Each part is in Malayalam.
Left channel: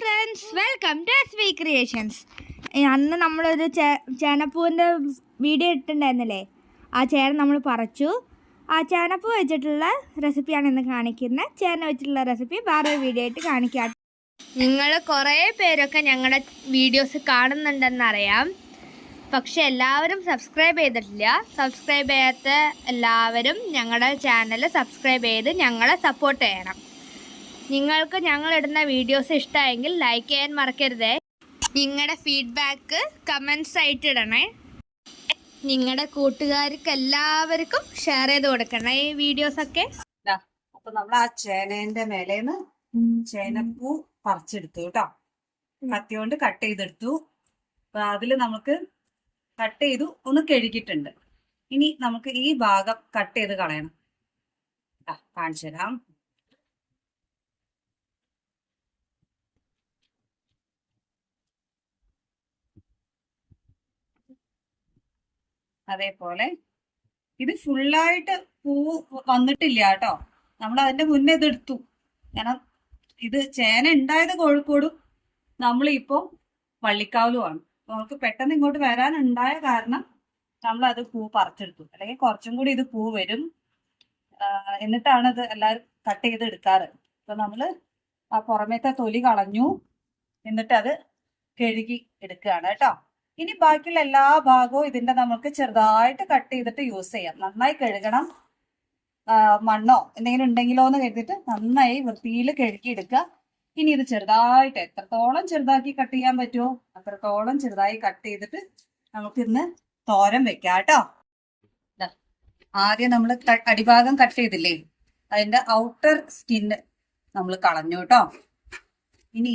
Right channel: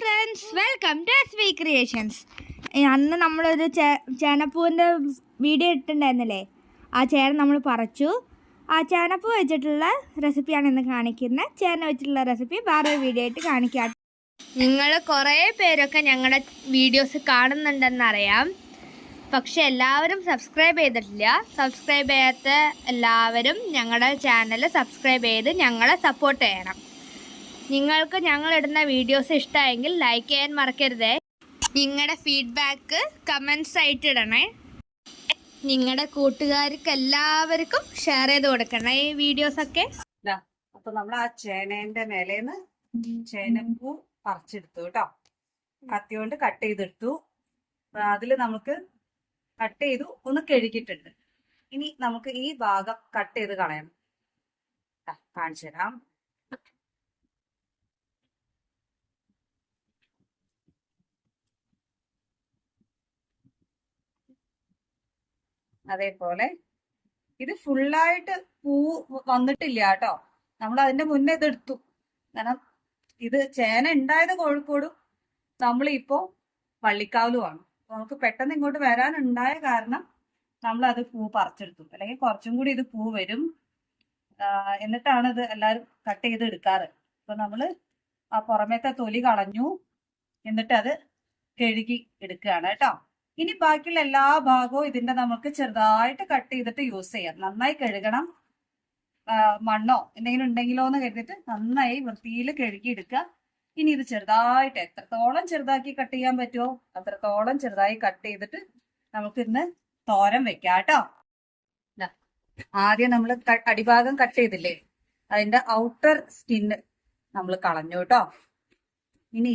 Friends, welcome to SB creations. അന്ന് നമ്മളൊരു ചേനപ്പൂവിൻ്റെ വീഡിയോ ഇട്ടിട്ടുണ്ടായിരുന്നില്ലേ? ആ ചേന നമ്മൾ പറിച്ചു. ആ ചേനപ്പൂ വെച്ചിട്ടുള്ള റെസിപ്പിയാണ് ഇന്ന് കാണിക്കുന്നത്. ചേന വെച്ചിട്ടുള്ള റെസിപ്പി വേറൊരു വീഡിയോ ആയിട്ട് കാണിക്കാം. നിങ്ങൾ കുറേ പേരൊക്കെ ഞങ്ങളുടെ വീഡിയോസ് കാണുന്നുണ്ടെന്നറിയാം, പക്ഷെ എല്ലാവരും സബ്സ്ക്രൈബ് ചെയ്തിട്ടില്ല. സബ്സ്ക്രൈബ് ചെയ്യാത്ത എല്ലാവരും ഞങ്ങളുടെ ചാനൽ സബ്സ്ക്രൈബ് ചെയ്ത് ഞങ്ങളെ സപ്പോർട്ട് ചെയ്യണം. നിങ്ങൾക്ക് ഞങ്ങളിടുന്ന വീഡിയോസ് ഇഷ്ടമായെങ്കിൽ ലൈക്ക് ചെയ്യാൻ മറക്കരുതേ. നിങ്ങളുടെ ഫീഡ്ബാക്ക് കമൻസ് ആയിട്ട് ഇടണേ. നിങ്ങളുടെ കൂട്ടുകാർക്ക് എല്ലാവർക്കും ഷെയർ ചെയ്ത് കൊടുക്കണേ ഈ വീഡിയോസൊക്കെ. അപ്പൊ നമ്മൾ ആ ചേനേന്റെ മേലേന്ന് ചേനപ്പൂ പറിച്ചെടുത്തു കേട്ടോ. കത്തി കൊണ്ട് കട്ട് ചെയ്തെടുത്തു. അതില് നമുക്ക് കട്ട് ചെയ്തു ഒന്ന് കഴുകിയിട്ടുണ്ട്. ഇനി നമുക്ക് ഈ ഭാഗം കട്ട് ചെയ്ത് കളയണം. കാണിച്ചു തരാം. അതേപോലെ ഇത് ഫുള്ളായിട്ട് പൂ വന്നിട്ടില്ല കേട്ടോ. നമ്മൾ അതിന്റെ മുന്നേ ഇതെടുത്തു. കാരണം ഇത് ചേന ഉണ്ടായത് കോഴിക്കോടും നമ്മളിപ്പോ വള്ളിക്കാവിലുമാണ്. നമുക്ക് പെട്ടെന്ന് ഇങ്ങോട്ട് വരാനുണ്ടായ കാരണം നമ്മൾ അത് പൂ പറിച്ചെടുത്തു. അല്ലെങ്കിൽ കുറച്ചും കൂടി ഇത് പൂ വരും. എന്നിട്ടാണ് ഇത് എല്ലാവരും കട്ട് ചെയ്ത് എടുക്കാറ്. അപ്പൊ നമ്മള് ആ പുറമേത്തെ തൊലി കളഞ്ഞു, എന്നിട്ട് അത് കഴുകി എടുക്കുകയാണ് കേട്ടോ. ഇനി ബാക്കിയുള്ള എല്ലാ ഭാഗവും ഇതിന്റെ നമുക്ക് ചെറുതായിട്ട് കട്ട് ചെയ്തിട്ട് യൂസ് ചെയ്യാം. നന്നായി കഴുകണം. മണ്ണോ എന്തെങ്കിലും ഉണ്ടെങ്കിലോ എന്ന് കരുതിയിട്ട് നന്നായി വൃത്തിയിൽ കഴുകി എടുക്കുക. ഇനി ഇത് ചെറുതായിട്ട് എത്രത്തോളം ചെറുതാക്കി കട്ട് ചെയ്യാൻ പറ്റുമോ അത്രത്തോളം ചെറുതായി കട്ട് ചെയ്തിട്ട് നമുക്ക് ഇന്ന് തോരൻ വെക്കാം കേട്ടോ. ആദ്യം നമ്മൾ അടിഭാഗം കട്ട് ചെയ്തില്ലേ, അതിന്റെ ഔട്ടർ സ്കിന്ന് നമ്മൾ കളഞ്ഞു കേട്ടോ. ഇനി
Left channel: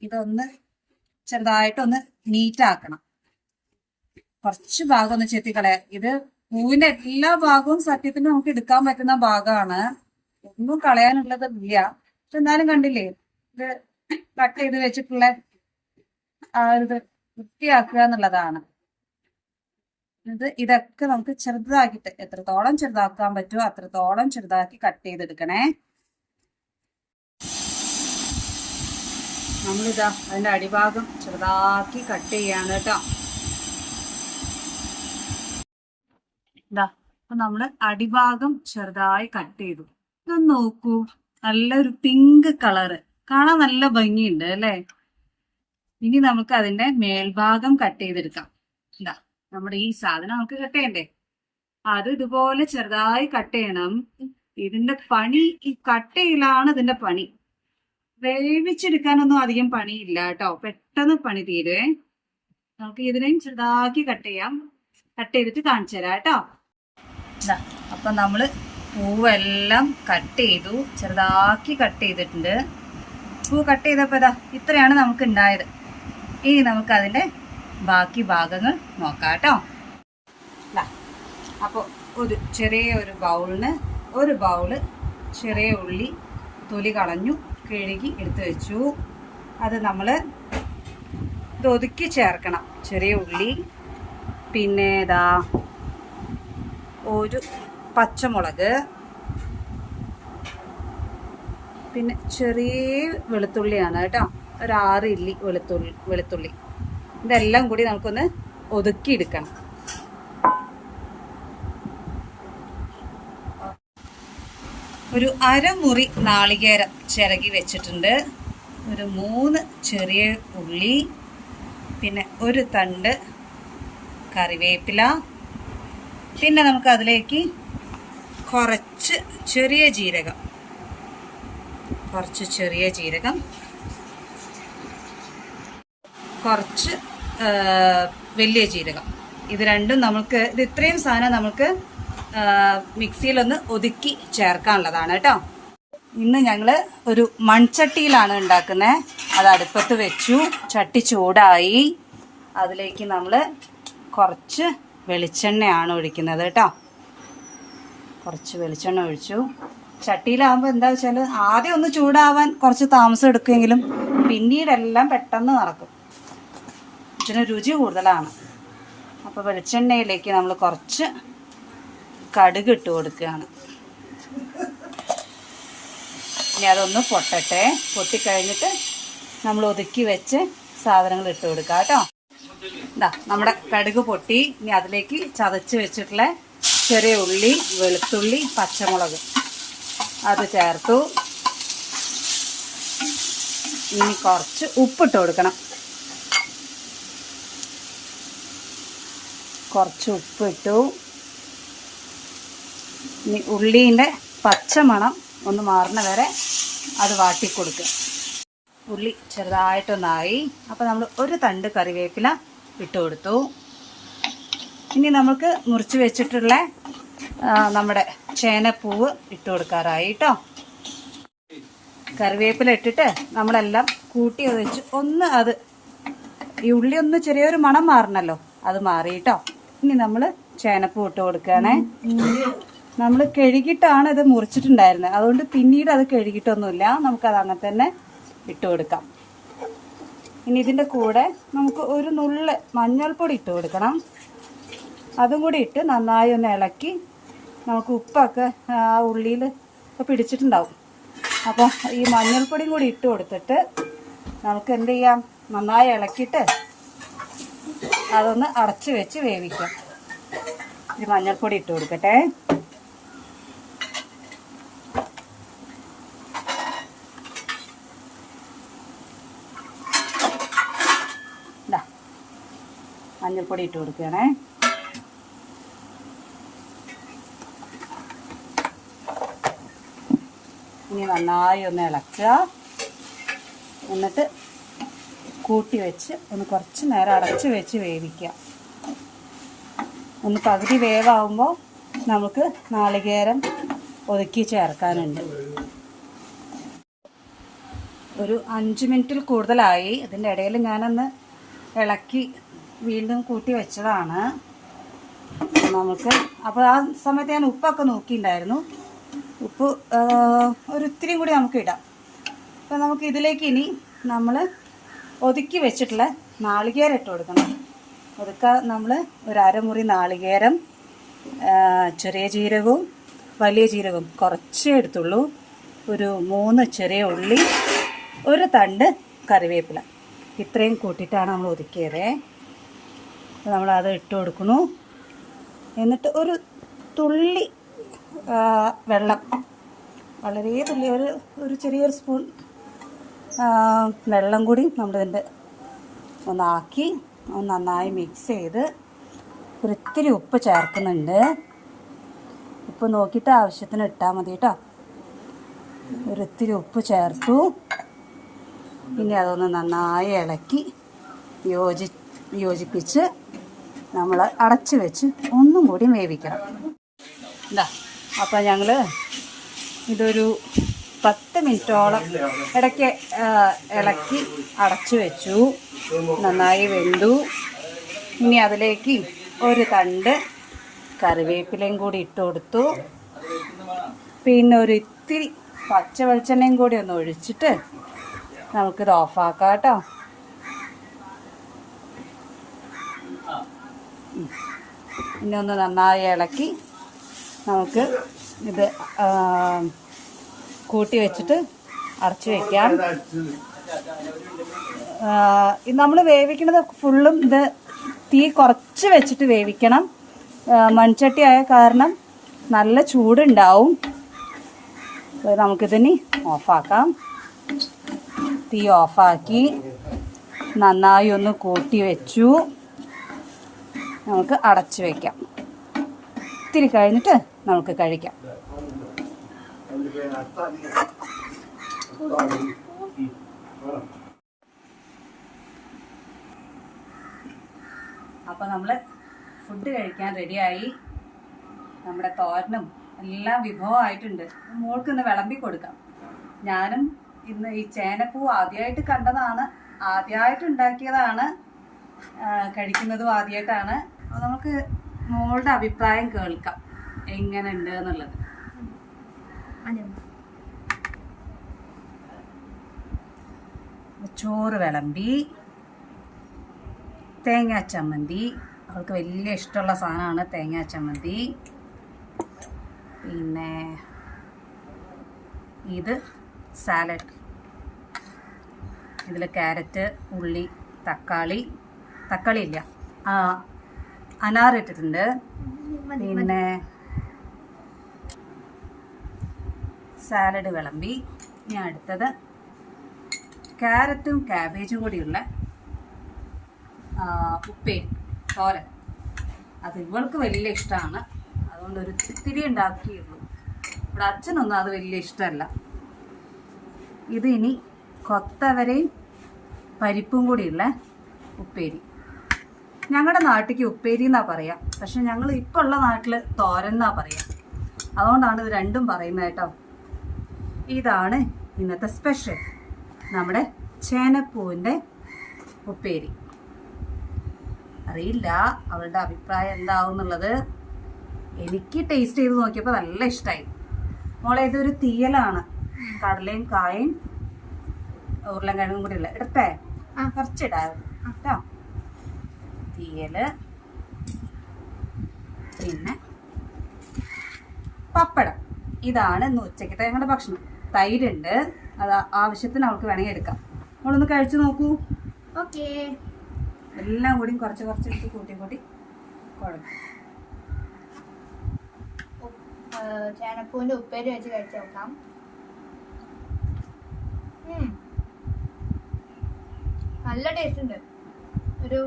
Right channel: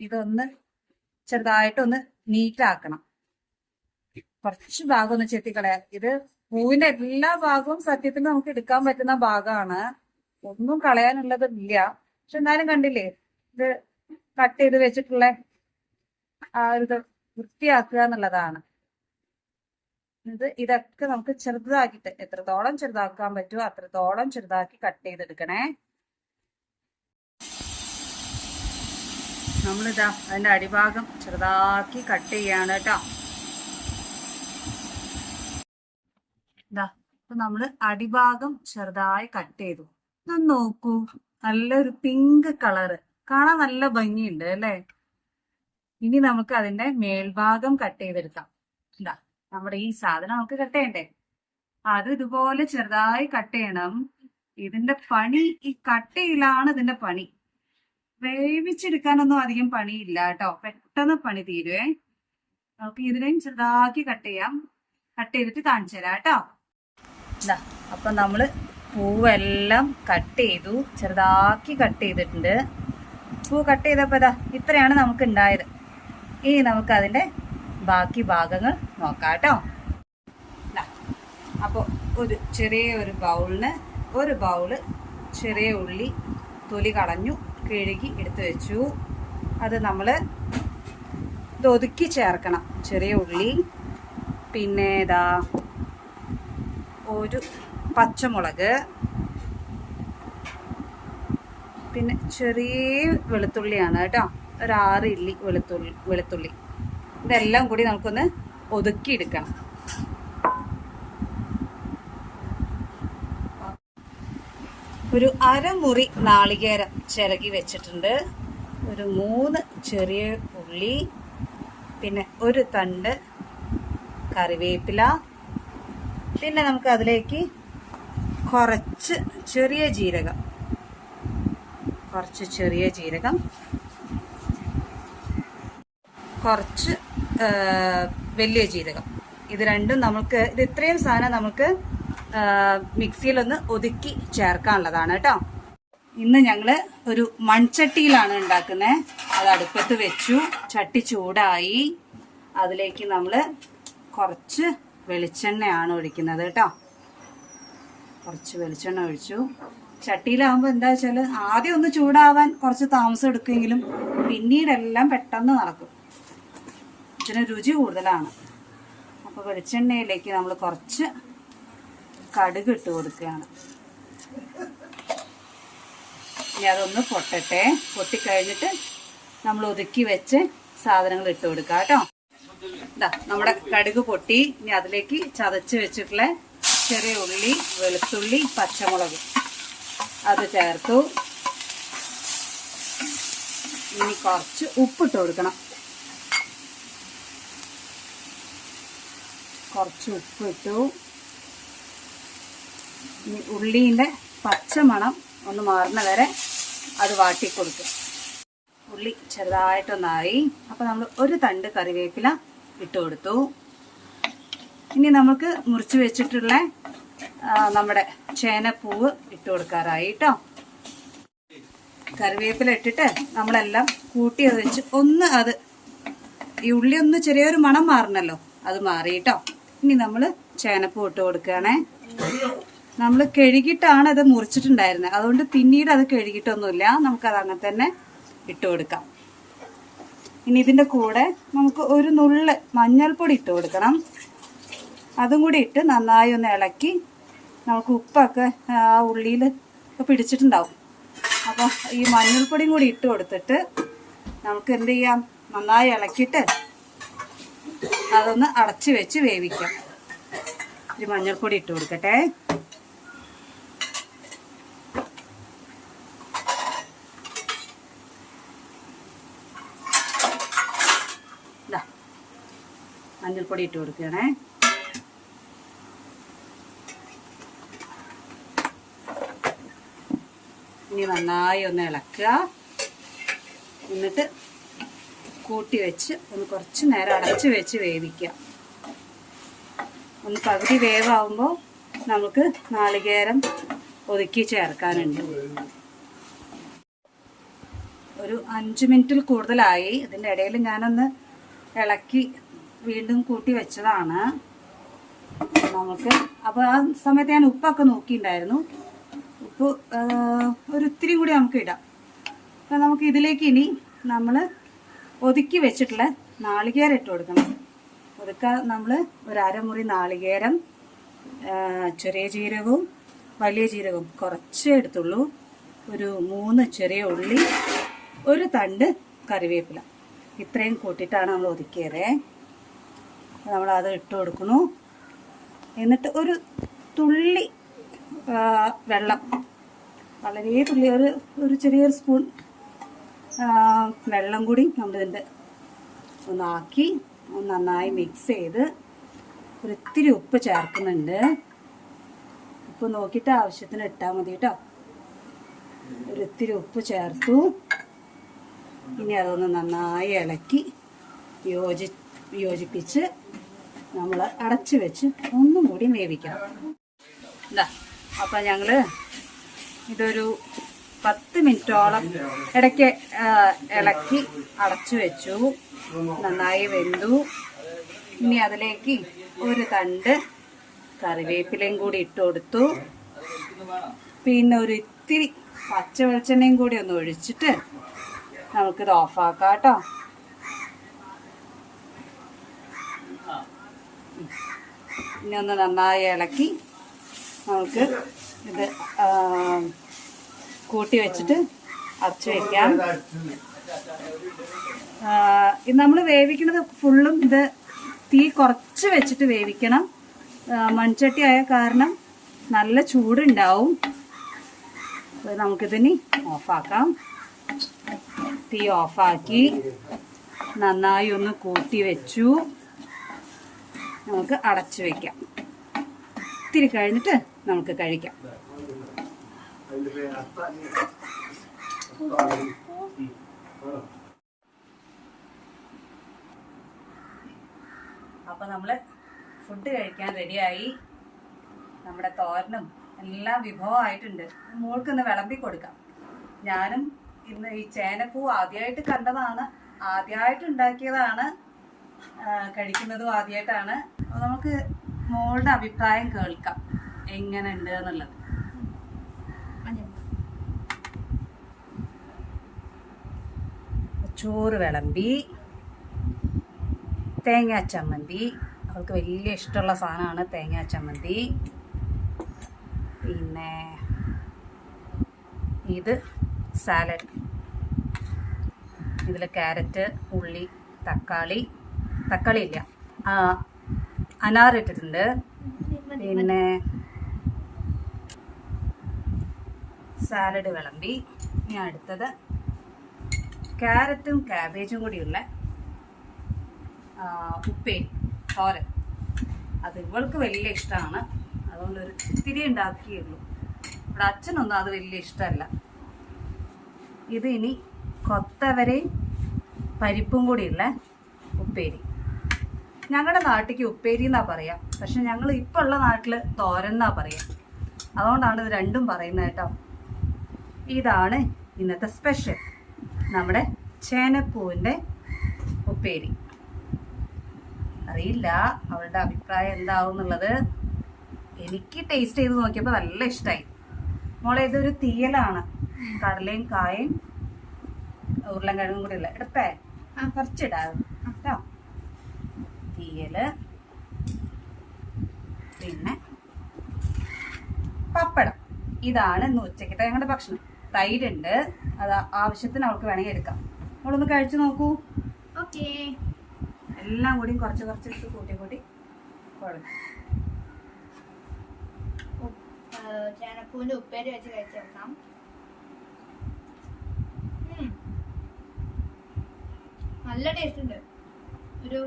ഇതൊന്ന് ചെറുതായിട്ടൊന്ന് നീറ്റാക്കണം. കുറച്ച് ഭാഗം ഒന്ന് ചെത്തിക്കളയാം. ഇത് പൂവിന്റെ എല്ലാ ഭാഗവും സത്യത്തിൽ നമുക്ക് എടുക്കാൻ പറ്റുന്ന ഭാഗമാണ്. ഒന്നും കളയാനുള്ളത് ഇല്ല. പക്ഷെ എന്നാലും കണ്ടില്ലേ, ഇത് കട്ട് ചെയ്ത് വെച്ചിട്ടുള്ള ആ ഒരു വൃത്തിയാക്കുക എന്നുള്ളതാണ്. ഇതൊക്കെ നമുക്ക് ചെറുതാക്കിയിട്ട് എത്രത്തോളം ചെറുതാക്കാൻ പറ്റുമോ അത്രത്തോളം ചെറുതാക്കി കട്ട് ചെയ്തെടുക്കണേ. നമ്മളിതാ അതിന്റെ അടിഭാഗം ചെറുതാക്കി കട്ട് ചെയ്യാണ് കേട്ടോ. അപ്പൊ നമ്മള് അടിഭാഗം ചെറുതായി കട്ട് ചെയ്തു. ഇതൊന്ന് നോക്കൂ, നല്ലൊരു പിങ്ക് കളറ്, കാണാൻ നല്ല ഭംഗിയുണ്ട് അല്ലേ? ഇനി നമുക്ക് അതിന്റെ മേൽഭാഗം കട്ട് ചെയ്തെടുക്കാം. എന്താ നമ്മുടെ ഈ സാധനം നമുക്ക് കട്ട് ചെയ്യണ്ടേ? അത് ഇതുപോലെ ചെറുതായി കട്ട് ചെയ്യണം. ഇതിന്റെ പണി ഈ കട്ട് ചെയ്യലാണ് ഇതിന്റെ പണി. വേവിച്ചെടുക്കാനൊന്നും അധികം പണിയില്ല കേട്ടോ. പെട്ടെന്ന് പണി തീരുവേ. നമുക്ക് ഇതിനെയും ചെറുതാക്കി കട്ട് ചെയ്യാം. കട്ട് ചെയ്തിട്ട് കാണിച്ചു തരാം കേട്ടോ. അപ്പൊ നമ്മള് പൂവെല്ലാം കട്ട് ചെയ്തു, ചെറുതാക്കി കട്ട് ചെയ്തിട്ടുണ്ട്. പൂ കട്ട് ചെയ്തപ്പോ ഇത്രയാണ് നമുക്ക് ഉണ്ടായത്. ഇനി നമുക്ക് അതിന്റെ ബാക്കി ഭാഗങ്ങൾ നോക്കാം കേട്ടോ. അപ്പോൾ ഒരു ചെറിയ ഒരു ബൗളിന് ഒരു ബൗള് ചെറിയ ഉള്ളി തൊലി കളഞ്ഞു കഴുകി എടുത്തു വെച്ചു. അത് നമ്മൾ ഒതുക്കി ചേർക്കണം. ചെറിയ ഉള്ളി, പിന്നെ ഒരു പച്ചമുളക്, പിന്നെ ചെറിയ വെളുത്തുള്ളിയാണ് കേട്ടോ. ഒരു 6 ഇല്ലി വെളുത്തുള്ളി. ഇതെല്ലാം കൂടി നമുക്കൊന്ന് ഒതുക്കി എടുക്കണം. ഒരു അരമുറി നാളികേരം ചിരകി വെച്ചിട്ടുണ്ട്. ഒരു 3 ചെറിയ ഉള്ളി, പിന്നെ ഒരു തണ്ട് കറിവേപ്പില, പിന്നെ നമുക്ക് അതിലേക്ക് കുറച്ച് ചെറിയ ജീരകം, കുറച്ച് വലിയ ജീരകം. ഇത് രണ്ടും നമുക്ക് ഇത്രയും സാധനം നമുക്ക് മിക്സിയിലൊന്ന് ഒതുക്കി ചേർക്കാനുള്ളതാണ് കേട്ടോ. ഇന്ന് ഞങ്ങൾ ഒരു മൺചട്ടിയിലാണ് ഉണ്ടാക്കുന്നത്. അത് അടുപ്പത്ത് വെച്ചു. ചട്ടി ചൂടായി. അതിലേക്ക് നമ്മൾ കുറച്ച് വെളിച്ചെണ്ണയാണ് ഒഴിക്കുന്നത് കേട്ടോ. കുറച്ച് വെളിച്ചെണ്ണ ഒഴിച്ചു. ചട്ടിയിലാകുമ്പോൾ എന്താ വെച്ചാൽ ആദ്യം ഒന്ന് ചൂടാവാൻ കുറച്ച് താമസം എടുക്കുമെങ്കിലും പിന്നീടെല്ലാം പെട്ടെന്ന് നടക്കും. ഇതിന് രുചി കൂടുതലാണ്. അപ്പോൾ വെളിച്ചെണ്ണയിലേക്ക് നമ്മൾ കുറച്ച് കടുക് ഇട്ട് കൊടുക്കുകയാണ്. ഇനി അതൊന്ന് പൊട്ടട്ടെ. പൊട്ടിക്കഴിഞ്ഞിട്ട് നമ്മൾ ഒതുക്കി വെച്ച് സാധനങ്ങൾ ഇട്ട് കൊടുക്കാം കേട്ടോ. ഇതാ നമ്മുടെ കടുക് പൊട്ടി. ഇനി അതിലേക്ക് ചതച്ച് വെച്ചിട്ടുള്ള ചെറിയ ഉള്ളി, വെളുത്തുള്ളി, പച്ചമുളക് അത് ചേർത്തു. ഇനി കുറച്ച് ഉപ്പിട്ട് കൊടുക്കണം. കുറച്ച് ഉപ്പിട്ടു. ഇനി ഉള്ളീൻ്റെ പച്ചമണം ഒന്ന് മാറുന്ന വരെ അത് വാട്ടിക്കൊടുക്കുക. ഉള്ളി ചെറുതായിട്ടൊന്നായി. അപ്പോൾ നമ്മൾ ഒരു തണ്ട് കറിവേപ്പില ഇട്ട് കൊടുത്തു. ഇനി നമുക്ക് മുറിച്ച് വെച്ചിട്ടുള്ള നമ്മുടെ ചേനപ്പൂവ് ഇട്ട് കൊടുക്കാറായി കേട്ടോ. കറിവേപ്പില ഇട്ടിട്ട് നമ്മളെല്ലാം കൂട്ടി വെച്ച് ഒന്ന് അത് ഈ ഉള്ളി ഒന്ന് ചെറിയൊരു മണം മാറണല്ലോ, അത് മാറി കേട്ടോ. ഇനി നമ്മൾ ചേനപ്പൂ ഇട്ട് കൊടുക്കുകയാണേ. നമ്മൾ കഴുകിയിട്ടാണ് ഇത് മുറിച്ചിട്ടുണ്ടായിരുന്നത്, അതുകൊണ്ട് പിന്നീട് അത് കഴുകിയിട്ടൊന്നുമില്ല, നമുക്കത് അങ്ങനെ തന്നെ ഇട്ട് കൊടുക്കാം. ഇനി ഇതിൻ്റെ കൂടെ നമുക്ക് ഒരു നുള്ള് മഞ്ഞൾപ്പൊടി ഇട്ട് കൊടുക്കണം. അതും കൂടി ഇട്ട് നന്നായി ഒന്ന് ഇളക്കി. നമുക്ക് ഉപ്പൊക്കെ ആ ഉള്ളിയിൽ പിടിച്ചിട്ടുണ്ടാവും. അപ്പോൾ ഈ മഞ്ഞൾപ്പൊടിയും കൂടി ഇട്ട് കൊടുത്തിട്ട് നമുക്ക് എന്ത് ചെയ്യാം, നന്നായി ഇളക്കിയിട്ട് അതൊന്ന് അടച്ച് വെച്ച് വേവിക്കാം. ഈ മഞ്ഞൾപ്പൊടി ഇട്ട് കൊടുക്കട്ടെ. മഞ്ഞൾപ്പൊടി ഇട്ട് കൊടുക്കുകയാണേ. ഇനി നന്നായി ഒന്ന് ഇളക്കുക. എന്നിട്ട് കൂട്ടി വെച്ച് ഒന്ന് കുറച്ച് നേരം അടച്ച് വെച്ച് വേവിക്കുക. ഒന്ന് പകുതി വേവാകുമ്പോൾ നമുക്ക് നാളികേരം ഒതുക്കി ചേർക്കാനുണ്ട്. ഒരു 5 മിനിറ്റിൽ കൂടുതലായി. ഇതിൻ്റെ ഇടയിൽ ഞാനൊന്ന് ഇളക്കി വീണ്ടും കൂട്ടി വെച്ചതാണ് നമുക്ക്. അപ്പോൾ ആ സമയത്ത് ഞാൻ ഉപ്പൊക്കെ നോക്കിയിട്ടുണ്ടായിരുന്നു. ഉപ്പ് ഒരിത്തിരി കൂടി നമുക്ക് ഇടാം. അപ്പോൾ നമുക്ക് ഇതിലേക്ക് ഇനി നമ്മൾ ഒതുക്കി വെച്ചിട്ടുള്ള നാളികേരം ഇട്ട് കൊടുക്കണം. അതൊക്കെ നമ്മൾ ഒരു അരമുറി നാളികേരം, ചെറിയ ജീരകവും വലിയ ജീരകവും കുറച്ചേ എടുത്തുള്ളൂ, ഒരു 3 ചെറിയ ഉള്ളി, ഒരു തണ്ട് കറിവേപ്പില, ഇത്രയും കൂട്ടിയിട്ടാണ് നമ്മൾ ഒതുക്കിയത്. നമ്മളത് ഇട്ട് കൊടുക്കുന്നു. എന്നിട്ട് ഒരു തുള്ളി വെള്ളം, വളരെ തുള്ളി, ഒരു ചെറിയൊരു സ്പൂൺ വെള്ളം കൂടി നമ്മളിതിൻ്റെ ഒന്നാക്കി ഒന്ന് നന്നായി മിക്സ് ചെയ്ത് ഒരിത്തിരി ഉപ്പ് ചേർക്കുന്നുണ്ട്. ഉപ്പ് നോക്കിയിട്ട് ആവശ്യത്തിന് ഇട്ടാൽ മതി കേട്ടോ. ഒരിത്തിരി ഉപ്പ് ചേർത്തു. ഇനി അതൊന്ന് നന്നായി ഇളക്കി യോജിപ്പിച്ച് നമ്മൾ അടച്ച് വെച്ച് ഒന്നും കൂടി വേവിക്കണം. എന്താ അപ്പോൾ ഞങ്ങൾ ഇതൊരു 10 മിനിറ്റോളം ഇടയ്ക്ക് ഇളക്കി അടച്ചു വെച്ചു. നന്നായി വെന്തു. ഇനി അതിലേക്ക് ഒരു തണ്ട് കറിവേപ്പിലയും കൂടി ഇട്ട് കൊടുത്തു. പിന്നെ ഒരു ഇത്തിരി പച്ച വെളിച്ചെണ്ണയും കൂടി ഒന്ന് ഒഴിച്ചിട്ട് നമുക്കിത് ഓഫാക്കാം കേട്ടോ. ഇനി ഒന്ന് നന്നായി ഇളക്കി നമുക്ക് ഇത് കൂട്ടി വെച്ചിട്ട് അടച്ചു വയ്ക്കാം. നമ്മൾ വേവിക്കുന്നത് ഫുള്ളും ഇത് തീ കുറച്ച് വെച്ചിട്ട് വേവിക്കണം. മൺചട്ടി ആയ കാരണം നല്ല ചൂടുണ്ടാവും. നമുക്കിതിനി ഓഫാക്കാം. തീ ഓഫാക്കി നന്നായി ഒന്ന് കൂട്ടി വെച്ചു. നമുക്ക് അടച്ചു വയ്ക്കാം. ഇത്തിരി കഴിഞ്ഞിട്ട് നമുക്ക് കഴിക്കാം. അപ്പോൾ നമ്മൾ ഫുഡ് കഴിക്കാൻ റെഡിയായി. നമ്മുടെ തോരനും എല്ലാം വിഭവമായിട്ടുണ്ട്. മോൾക്ക് ഇന്ന് വിളമ്പി കൊടുക്കാം. ഞാനും ഇന്ന് ഈ ചേനപ്പൂ ആദ്യമായിട്ട് കണ്ടതാണ്, ആദ്യമായിട്ട് ഉണ്ടാക്കിയതാണ്, കഴിക്കുന്നതും ആദ്യമായിട്ടാണ്. അപ്പോൾ നമുക്ക് മോളുടെ അഭിപ്രായം കേൾക്കാം എങ്ങനെ ഉണ്ട് എന്നുള്ളത്. ചോറ് വിളമ്പി, തേങ്ങാ ചമ്മന്തി, അവൾക്ക് വലിയ ഇഷ്ടമുള്ള സാധനമാണ് തേങ്ങാ ചമ്മന്തി. പിന്നെ ഇത് സാലഡ്, ഇതിൽ ക്യാരറ്റ്, ഉള്ളി, തക്കാളി ഇല്ല, അനാർ ഇട്ടിട്ടുണ്ട്. പിന്നെ സാലഡ് വിളമ്പി. ഇനി അടുത്തത് ക്യാരറ്റും കാബേജും കൂടിയുള്ള ഉപ്പേരി, തോരൻ. അത് ഇവൾക്ക് വലിയ ഇഷ്ടമാണ്, അതുകൊണ്ട് ഒരു ഇത്തിരി ഉണ്ടാക്കിയുള്ളൂ. ഇവിടെ അച്ഛനൊന്നും അത് വലിയ ഇഷ്ടമല്ല. ഇത് ഇനി കൊത്തവരയും പരിപ്പും കൂടിയുള്ള ഉപ്പേരി. ഞങ്ങളുടെ നാട്ടിലേക്ക് ഉപ്പേരി എന്നാ പറയാം, പക്ഷെ ഞങ്ങൾ ഇപ്പോൾ ഉള്ള നാട്ടിൽ തോരൻ എന്നാ പറയാം. അതുകൊണ്ടാണ് ഇത് രണ്ടും പറയുന്നത് കേട്ടോ. ഇതാണ് ഇന്നത്തെ സ്പെഷ്യൽ, നമ്മുടെ ചേനപ്പൂവിൻ്റെ ഉപ്പേരി. അറിയില്ല അവളുടെ അഭിപ്രായം എന്താവും എന്നുള്ളത്. എനിക്ക് ടേസ്റ്റ് ചെയ്ത് നോക്കിയപ്പോൾ നല്ല ഇഷ്ടമായി. മോളെ ഇതൊരു തീയലാണ്, കടലയും കായും ഉരുളൻകിഴങ്ങും കൂടി ഉള്ള. എടുത്തേ കുറച്ചിടാം കേട്ടോ. തീയല്, പിന്നെ പപ്പടം. ഇതാണ് ഇന്ന് ഉച്ചക്കത്തെ ഞങ്ങളുടെ ഭക്ഷണം. തൈരുണ്ട്, അത് ആവശ്യത്തിന് അവൾക്ക് വേണമെങ്കിൽ എടുക്കാം. നമ്മളൊന്ന് കഴിച്ചു നോക്കൂ. ഓക്കേ. എല്ലാം കൂടി കുറച്ച് കുറച്ചെടുത്ത് കൂട്ടി കുഴക്കും. ചേനപ്പൂവിന്റെ ഉപ്പേരി വെച്ച് കഴിച്ചു നോക്കാം. നല്ല ടേസ്റ്റ് ഉണ്ട്. ഒരു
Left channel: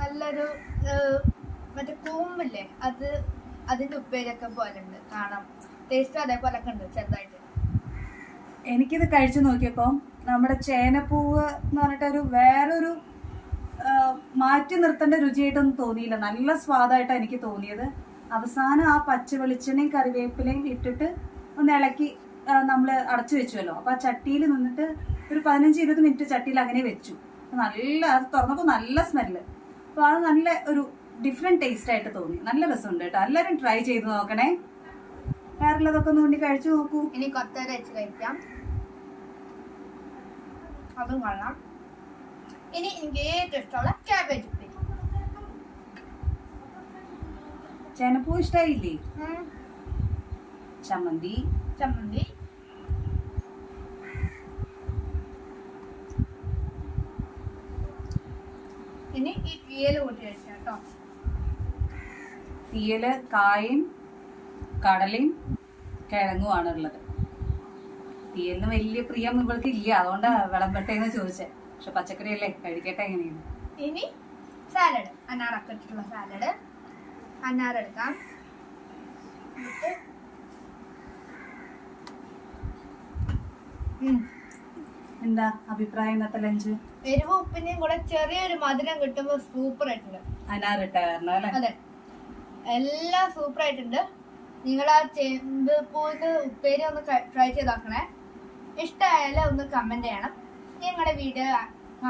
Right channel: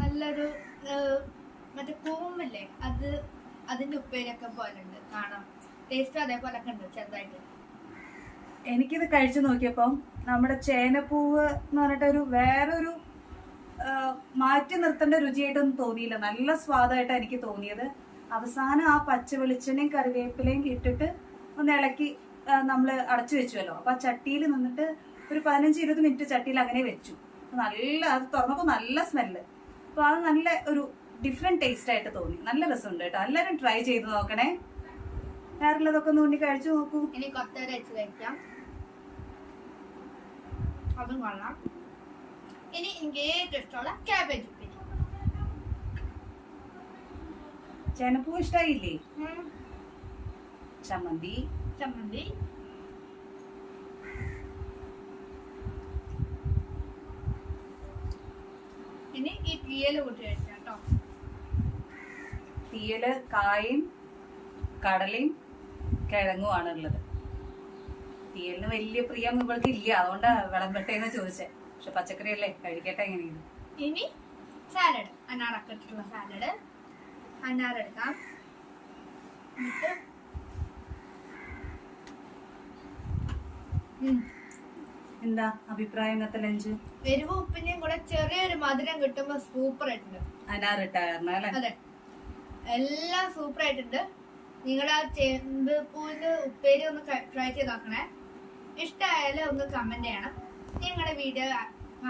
നല്ലൊരു മറ്റേ കൂമ്പില്ലേ, അതിന്റെ ഉപ്പേരിയൊക്കെ പോലെ ഉണ്ട് കാണാം. ടേസ്റ്റ് അതേപോലൊക്കെ ഉണ്ട് ചെറുതായിട്ട്. എനിക്കിത് കഴിച്ചു നോക്കിയപ്പോൾ നമ്മുടെ ചേനപ്പൂവ് എന്ന് പറഞ്ഞിട്ട് വേറൊരു മാറ്റി നിർത്തേണ്ട രുചിയായിട്ടൊന്നും തോന്നിയില്ല. നല്ല സ്വാദായിട്ടാണ് എനിക്ക് തോന്നിയത്. അവസാനം ആ പച്ച വെളിച്ചെണ്ണയും കറിവേപ്പിലയും ഇട്ടിട്ട് ഒന്ന് ഇളക്കി നമ്മൾ അടച്ചു വെച്ചുവല്ലോ. അപ്പോൾ ആ ചട്ടിയിൽ നിന്നിട്ട് ഒരു 15-20 മിനിറ്റ് ചട്ടിയിൽ അങ്ങനെ വെച്ചു. അത് തുറന്നപ്പോൾ നല്ല സ്മെല്ല്. അപ്പോൾ അത് നല്ല ഒരു ഡിഫറെൻറ്റ് ടേസ്റ്റ് ആയിട്ട് തോന്നി. നല്ല രസമുണ്ട് കേട്ടോ. എല്ലാവരും ട്രൈ ചെയ്ത് നോക്കണേ. വേറുള്ളതൊക്കെ ഒന്ന് ഉണ്ടി കഴിച്ചു നോക്കൂ. ഇനി കൊത്തവര വെച്ച് കഴിക്കാം, അതും കൊള്ളാം. ഇനി എനിക്ക് ഏറ്റവും ഇഷ്ടമുള്ള ക്യാബേജ് ഉപ്പേരി. ചേനപ്പൂ ഇഷ്ടായില്ലേ? ചമ്മന്തി ഇനി ഈ തീയല് കൂട്ടി കഴിക്കാം കേട്ടോ. തീയല് കായും കടലയും കിഴങ്ങുമാണ് ഉള്ളത്. തീയലിന് വലിയ പ്രിയം ഇവൾക്ക് ഇല്ല, അതുകൊണ്ടാണ് വിളമ്പട്ടേന്ന് ചോദിച്ചേ. പക്ഷെ പച്ചക്കറി അല്ലേ, കഴിക്കട്ടെ എങ്ങനെയാണ്. ഇനി സാലഡ്, അനാറൊക്കെ ഇട്ടിട്ടുള്ള സാലഡ്. അനാറെടുക്കാം. എന്താ അഭിപ്രായം ഇന്നത്തെ ലഞ്ച്? എരിവ് ഉപ്പിന്റെയും കൂടെ ചെറിയൊരു മധുരം കിട്ടുമ്പോ സൂപ്പർ ആയിട്ടുണ്ട്. അനാറിട്ടായിരുന്നു അല്ലേ? അതെ, എല്ലാം സൂപ്പർ ആയിട്ടുണ്ട്. നിങ്ങൾ ആ ചേമ്പൂവിന്റെ ഉപ്പേരി ഒന്ന് ട്രൈ ചെയ്ത് നോക്കണേ. ഇഷ്ടമായാലും ഒന്ന് കമന്റ് ചെയ്യണം. നിങ്ങളുടെ വീഡിയോ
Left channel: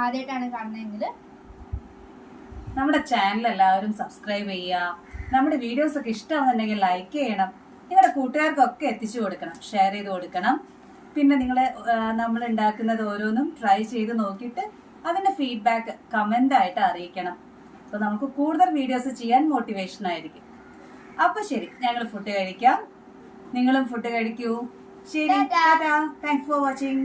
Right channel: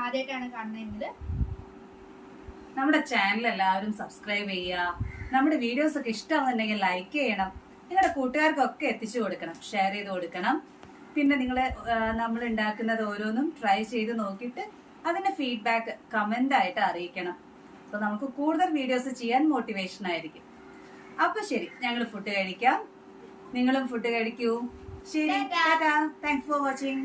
ആദ്യമായിട്ടാണ് കാണുന്നതെങ്കിൽ നമ്മുടെ ചാനൽ എല്ലാവരും സബ്സ്ക്രൈബ് ചെയ്യുക. നമ്മുടെ വീഡിയോസ് ഒക്കെ ഇഷ്ടമാണെന്നുണ്ടെങ്കിൽ ലൈക്ക് ചെയ്യണം. നിങ്ങളുടെ കൂട്ടുകാർക്കൊക്കെ എത്തിച്ചു കൊടുക്കണം, ഷെയർ ചെയ്ത് കൊടുക്കണം. പിന്നെ നമ്മൾ ഉണ്ടാക്കുന്നത് ഓരോന്നും ട്രൈ ചെയ്ത് നോക്കിയിട്ട് അതിന്റെ ഫീഡ്ബാക്ക് കമന്റ് ആയിട്ട് അറിയിക്കണം. അപ്പൊ നമുക്ക് കൂടുതൽ വീഡിയോസ് ചെയ്യാൻ മോട്ടിവേഷൻ ആയിരിക്കും. അപ്പൊ ശരി, ഞങ്ങൾ ഫുഡ് കഴിക്കാം. നിങ്ങളും ഫുഡ് കഴിക്കൂ. ശരി, താങ്ക്സ് ഫോർ വാച്ചിങ്.